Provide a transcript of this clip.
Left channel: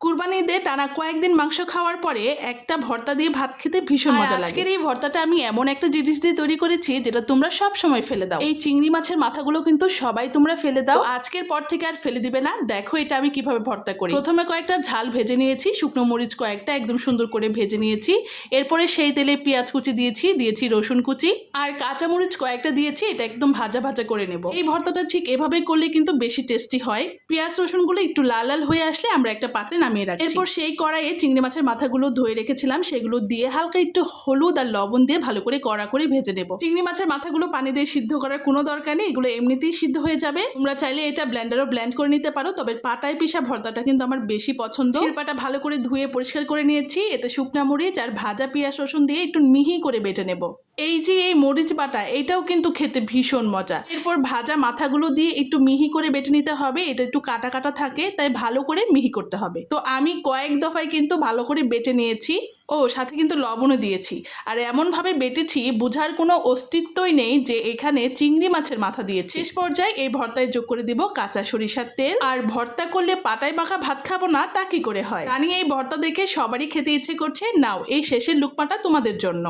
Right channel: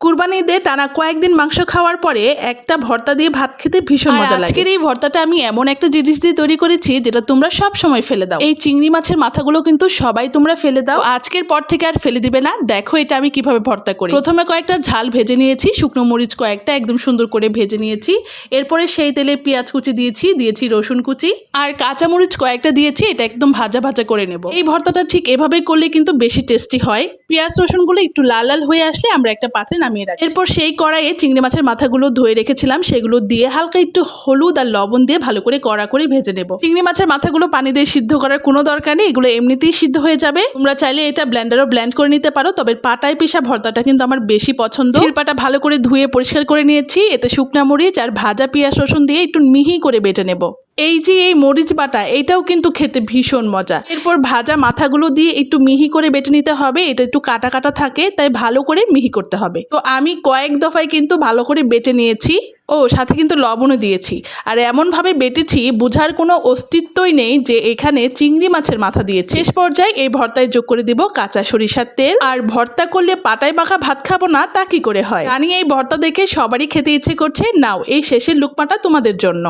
কুরবানি ঈদে টানা কয়েকদিন মাংস খাওয়ার পরে একটা ভর্তা দিয়ে ভাত খেতে ভীষণ মজা লাগে। আজকের এই ভর্তাটা আমি এমন একটা জিনিস দিয়ে তৈরি করেছি যেটা তোমরা সব সময় ফেলে দাও। এই চিংড়ি মাছের মাথাগুলো কিন্তু সবাই তোমরা ফেলে দাও, আজকের পর থেকে আর ফেলে দিবে না। দেখো এটা আমি কিভাবে ভর্তা করি। প্রথমে কয়েকটা ঝাল ভেজে নিয়েছি, শুকনো মরিচ কয়েকটা একদম সুন্দর করে ভেজে নিয়েছি। এরপরে সেই তেলে পেঁয়াজ কুচি দিয়েছি রসুন কুচি আর কাঁচা মরিচ কয়েকটা দিয়েছি। এটা একদম ভাজা ভাজা করে নেব। এই ভর্তাটা ঠিক এভাবেই করলে কিন্তু বেশি টেস্টি হয়। পেঁয়াজ রসুনগুলো একটু লাল লাল হয়ে আসলে আমরা একটা পাত্রে নামিয়ে রাখি। এরপর সেই কড়াইয়ে চিংড়ি মাছের মাথাগুলো ধুয়ে রেখেছিলাম, সেগুলো দিয়ে হালকা একটু হলুদ আর লবণ দিয়ে ভালো করে কড়া করে ভেজে নেব। চিংড়ি মাছের মাথাগুলো পানি দিয়ে সিদ্ধ করার কোনো দরকার নেই, এগুলো এমনিতেই সিদ্ধ হয়ে যাবে। তোমরা চাইলে এটা ব্লেন্ডারও ব্লেন্ড করে নিতে পারো, তবে পাটায় পিষা ভর্তাটা কিন্তু আমার বেশি পছন্দ। শিলপাটা ভালো করে ধুয়ে পরিষ্কার করে নিয়েছি। এতে শুকনা মরিচ আর ভাজা পেঁয়াজ রসুন দিয়ে একটু মিহি করে বেটে নেব। এই যে এই মরিচ বাটা, এটাও কিন্তু খেতে ভীষণ মজা। এরপর ভাজা মাথাগুলো দিয়ে একটু মিহি করে বেটে নিতে হবে। এটা একটু কাটা কাটা থাকে, তাই ভালো করে মিহি করতে হবে। তো আমি কয়েক দফায় কিন্তু ভালো করে বেটে নিয়েছি। ও সাথে কিন্তু লবণও দিয়েছি। আর এমনভাবে বেটেছি বোঝার কোনো অস্তিত্বই নেই যে এখানে চিংড়ি মাছের মাথা দিয়েছি। শেষ পর্যায়ে এই ভর্তায় যোগ করে দিব কাঁচা সরিষার তেল। আর ভর্তা করলে পাটায় মাখা ভাত খাবো না তা কি করে হয়? জানি এই ভর্তা দেখে সবারই খেতে ইচ্ছে করছে। নাও এই শেষের লুকমাটা তোমাদের জন্য।